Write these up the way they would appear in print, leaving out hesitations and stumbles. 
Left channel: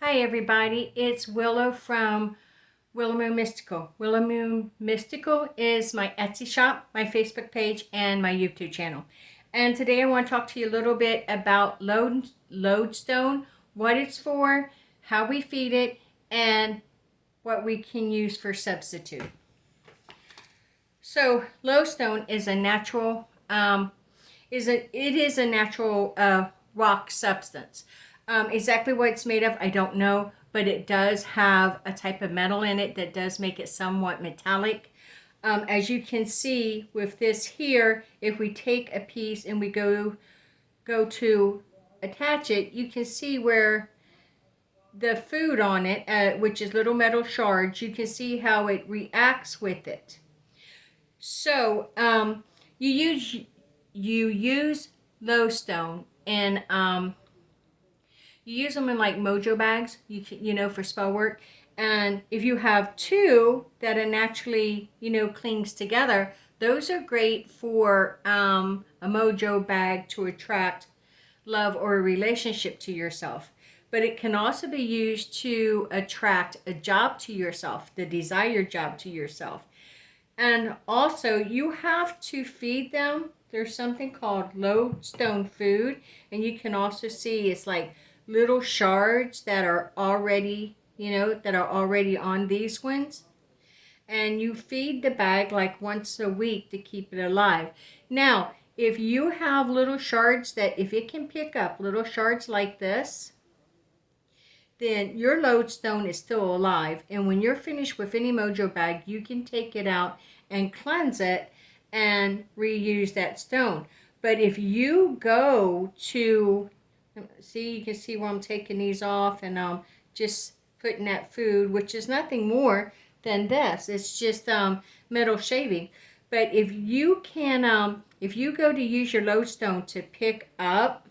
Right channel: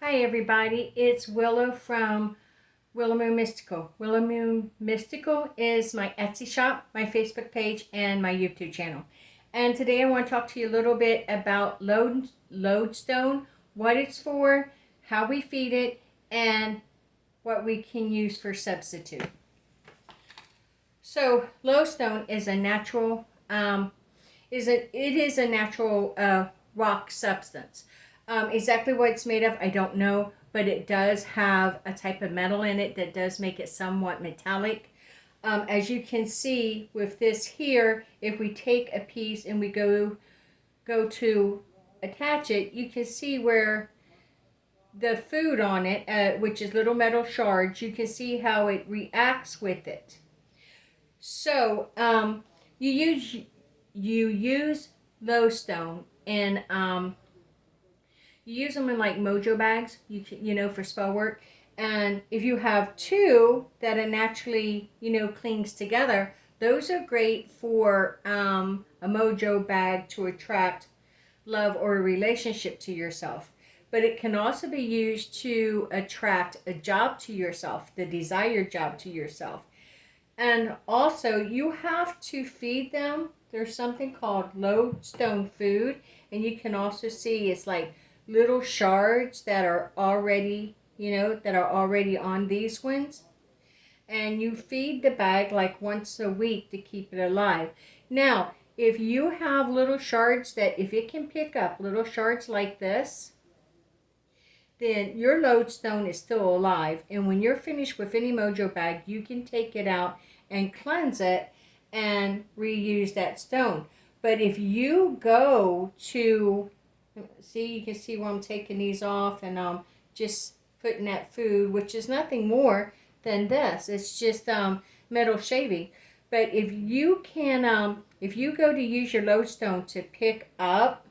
Hi everybody, it's Willow from Willow Moon Mystical. Willow Moon Mystical is my Etsy shop, my Facebook page, and my YouTube channel. And today I want to talk to you a little bit about Loadstone, what it's for, how we feed it, and what we can use for substitute. So Loadstone is a natural it is a natural rock substance. Exactly what it's made of, I don't know, but it does have a type of metal in it that does make it somewhat metallic. As you can see with this here, if we take a piece and we go to attach it, you can see where the food on it, which is little metal shards, you can see how it reacts with it. So you use you use Loadstone and you use them in like mojo bags, for spell work. And if you have two that are naturally, clings together, those are great for a mojo bag to attract love or a relationship to yourself. But it can also be used to attract a job to yourself, the desired job to yourself. And also, you have to feed them. There's something called Loadstone food, and you can also see it's like little shards that are already, on these ones. And you feed the bag like once a week to keep it alive. Now, if you have little shards that, if it can pick up little shards like this, then your Loadstone is still alive. And when you're finished with any mojo bag, you can take it out and cleanse it and reuse that stone. But if you go to, see, you can see where I'm taking these off and just putting that food, which is nothing more than this. It's just metal shaving. But if you go to use your Loadstone to pick up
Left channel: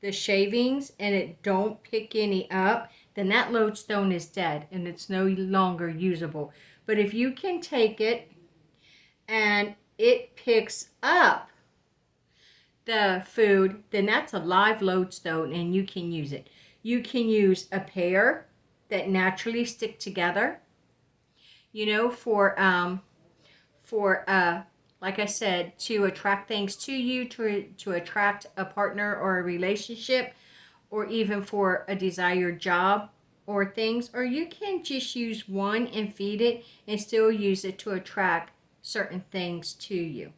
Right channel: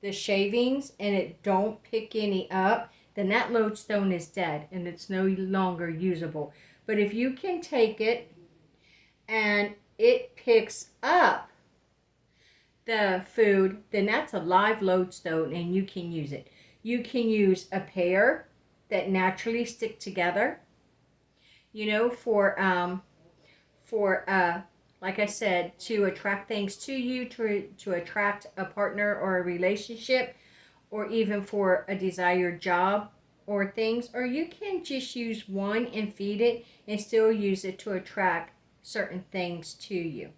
the shavings and it don't pick any up, then that Loadstone is dead and it's no longer usable. But if you can take it and it picks up the food, then that's a live Loadstone and you can use it. You can use a pair that naturally stick together, for like I said, to attract things to you, to attract a partner or a relationship, or even for a desired job or things. Or you can just use one and feed it and still use it to attract certain things to you.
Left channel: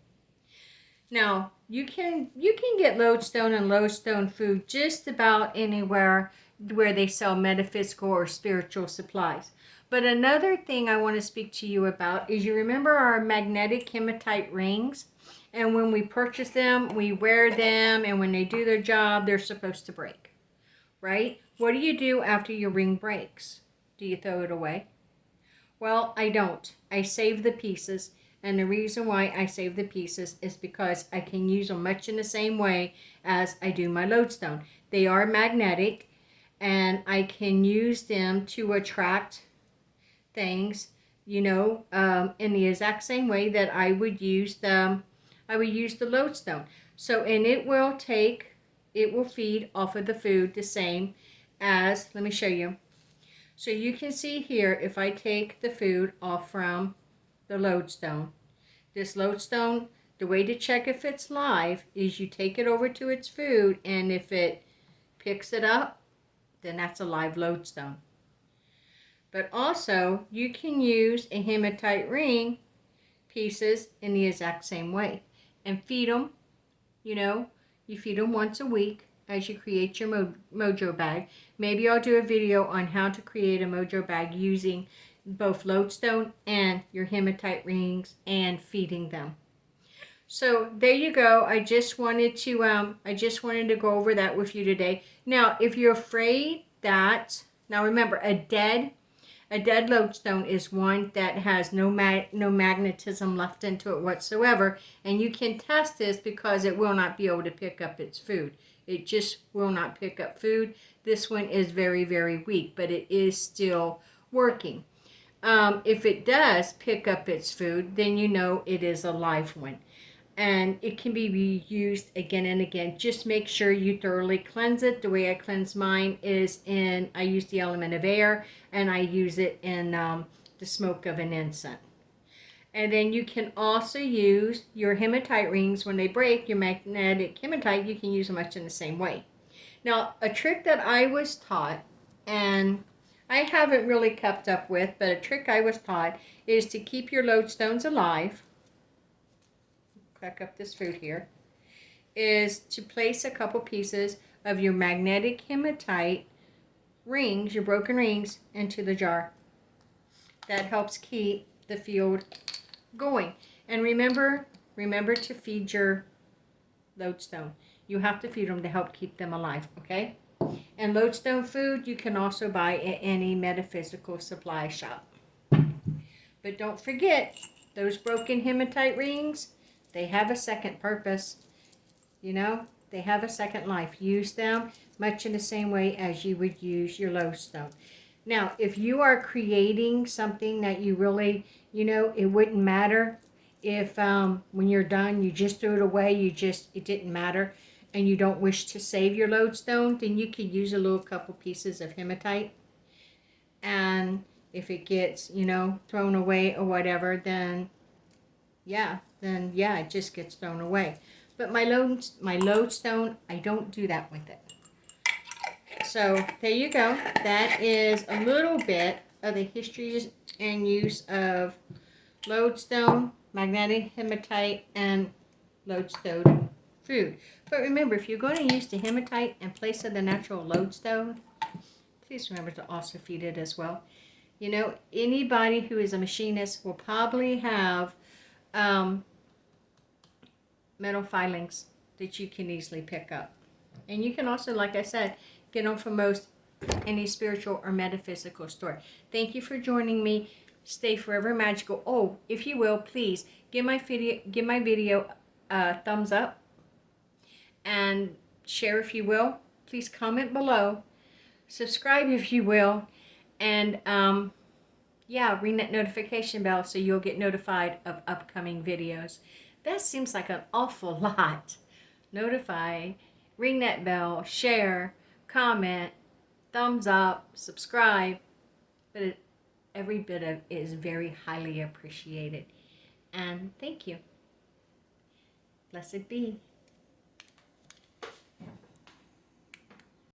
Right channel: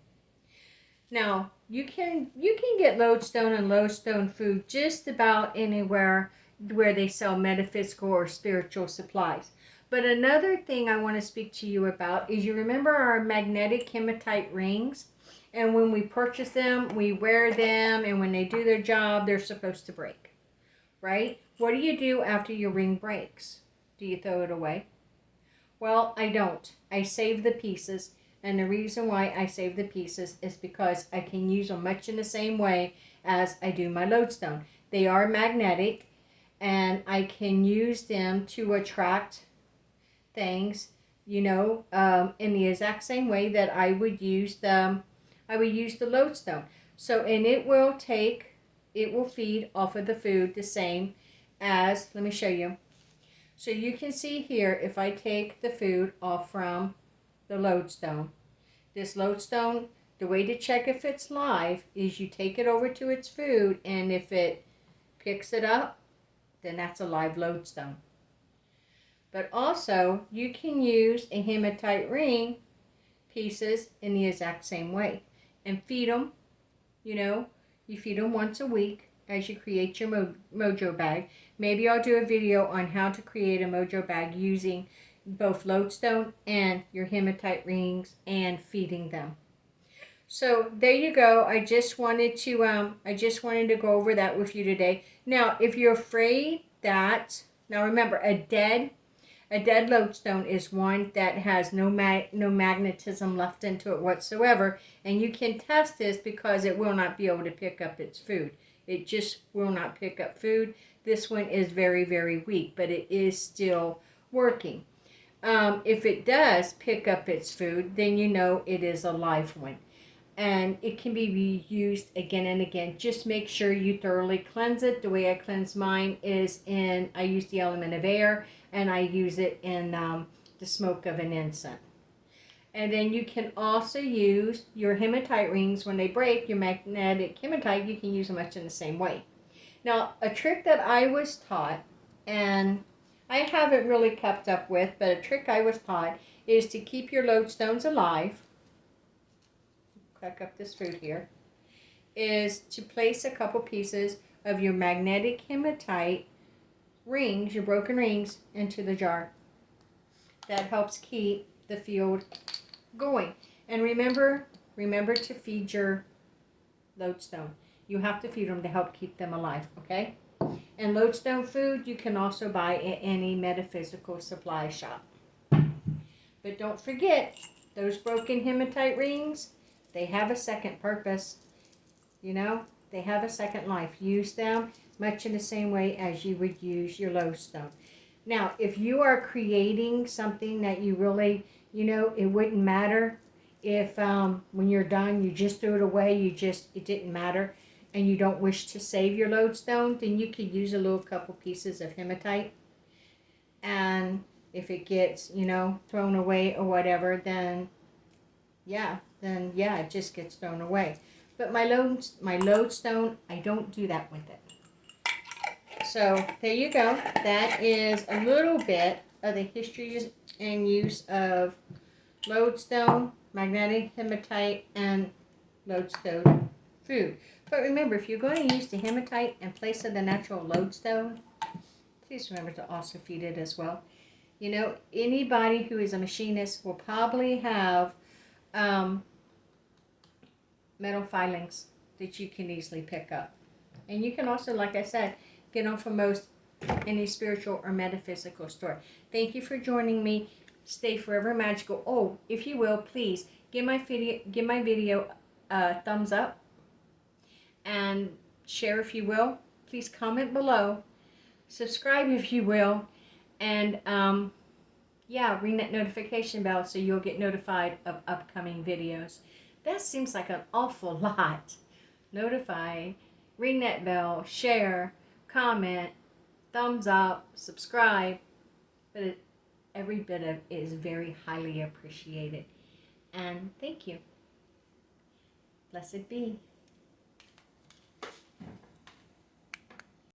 Now, you can get Loadstone and Loadstone food just about anywhere where they sell metaphysical or spiritual supplies. But another thing I want to speak to you about is, you remember our magnetic hematite rings? And when we purchase them, we wear them, and when they do their job, they're supposed to break, right? What do you do after your ring breaks? Do you throw it away? Well, I don't. I save the pieces. And the reason why I save the pieces is because I can use them much in the same way as I do my Loadstone. They are magnetic, and I can use them to attract things, in the exact same way that I would use the Loadstone. So, and it will feed off of the food the same as, let me show you. So you can see here, if I take the food off from the Loadstone, this Loadstone, the way to check if it's live is you take it over to its food, and if it picks it up, then that's a live Loadstone. But also, you can use a hematite ring pieces in the exact same way and feed them. You feed them once a week as you create your mojo bag. Maybe I'll do a video on how to create a mojo bag using both Loadstone and your hematite rings and feeding them. So there you go. I just wanted to go over that with you today. Now, if you're afraid that, now remember, a dead Loadstone is one that has no magnetism left into it whatsoever, and you can test this because it will not be able to pick up its food. It just will not pick up food. This one is very, very weak, but it is still working. If it does pick up its food, then you know it is a live one. and it can be reused again and again. Just make sure you thoroughly cleanse it. The way I cleanse mine is I use the element of air, and I use it in the smoke of an incense. And then you can also use your hematite rings when they break, your magnetic hematite, you can use them much in the same way. Now, a trick that I was taught, and I haven't really kept up with, but a trick I was taught is to keep your lodestones alive. Crack up this food here. Is to place a couple pieces of your magnetic hematite rings, your broken rings, into the jar. That helps keep the field going. And remember to feed your lodestone. You have to feed them to help keep them alive, okay? And lodestone food you can also buy at any metaphysical supply shop. But don't forget, those broken hematite rings, they have a second purpose. You know, they have a second life. Use them much in the same way as you would use your lodestone. Now, if you are creating something that you really, it wouldn't matter if when you're done, you just threw it away, it didn't matter, and you don't wish to save your lodestone, then you could use a little couple pieces of hematite. And if it gets, thrown away or whatever, then yeah, it just gets thrown away. But my lodestone, I don't do that with it. So there you go. That is a little bit of the history and use of lodestone, magnetic hematite, and lodestone food. But remember, if you're going to use the hematite in place of the natural lodestone, please remember to also feed it as well. Anybody who is a machinist will probably have metal filings that you can easily pick up. And you can also, like I said, get them from most any spiritual or metaphysical store. Thank you for joining me. Stay forever magical. Oh, if you will, please give my video a thumbs up and share if you will. Please comment below. Subscribe if you will. And ring that notification bell so you'll get notified of upcoming videos. That seems like an awful lot. Notify, ring that bell, share, comment, thumbs up, subscribe. But every bit of it is very highly appreciated. And thank you. Blessed be.